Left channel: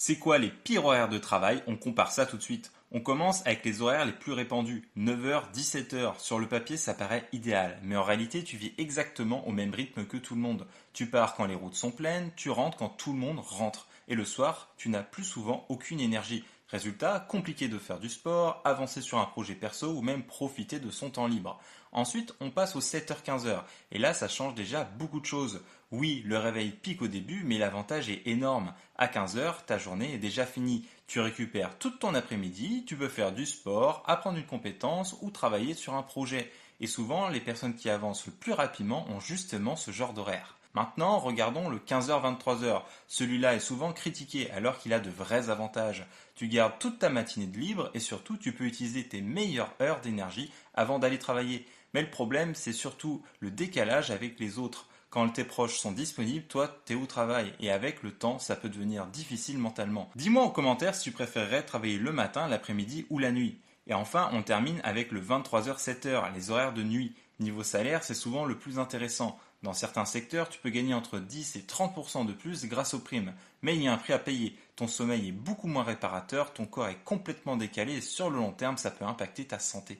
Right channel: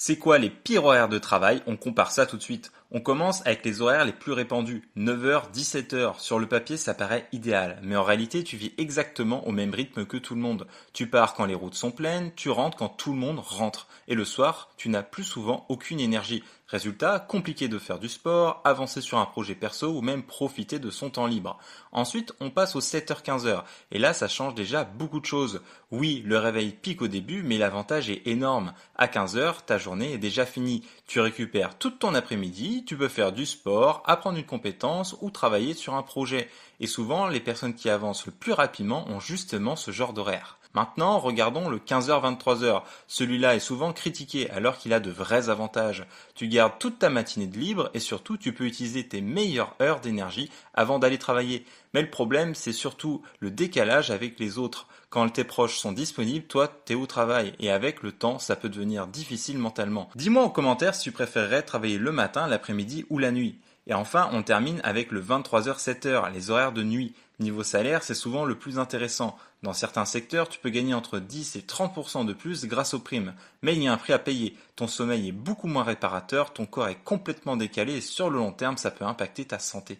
C'est quoi les pires horaires de travail? On compare ça tout de suite. On commence avec les horaires les plus répandus. 9h, 17h. Sur le papier, ça paraît idéal. Mais en réalité, tu vis exactement au même rythme que tout le monde. Tu pars quand les routes sont pleines, tu rentres quand tout le monde rentre. Et le soir, tu n'as plus souvent aucune énergie. Résultat, compliqué de faire du sport, avancer sur un projet perso ou même profiter de son temps libre. Ensuite, on passe aux 7h, 15h. Et là, ça change déjà beaucoup de choses. Oui, le réveil pique au début, mais l'avantage est énorme. À 15 heures, ta journée est déjà finie. Tu récupères toute ton après-midi, tu peux faire du sport, apprendre une compétence ou travailler sur un projet. Et souvent, les personnes qui avancent le plus rapidement ont justement ce genre d'horaire. Maintenant, regardons le 15h-23h. Celui-là est souvent critiqué alors qu'il a de vrais avantages. Tu gardes toute ta matinée de libre et surtout tu peux utiliser tes meilleures heures d'énergie avant d'aller travailler. Mais le problème, c'est surtout le décalage avec les autres. Quand tes proches sont disponibles, toi, t'es au travail. Et avec le temps, ça peut devenir difficile mentalement. Dis-moi en commentaire si tu préférerais travailler le matin, l'après-midi ou la nuit. Et enfin, on termine avec le 23h-7h, les horaires de nuit. Niveau salaire, c'est souvent le plus intéressant. Dans certains secteurs, tu peux gagner entre 10 et 30% de plus grâce aux primes. Mais il y a un prix à payer. Ton sommeil est beaucoup moins réparateur, ton corps est complètement décalé et sur le long terme, ça peut impacter ta santé.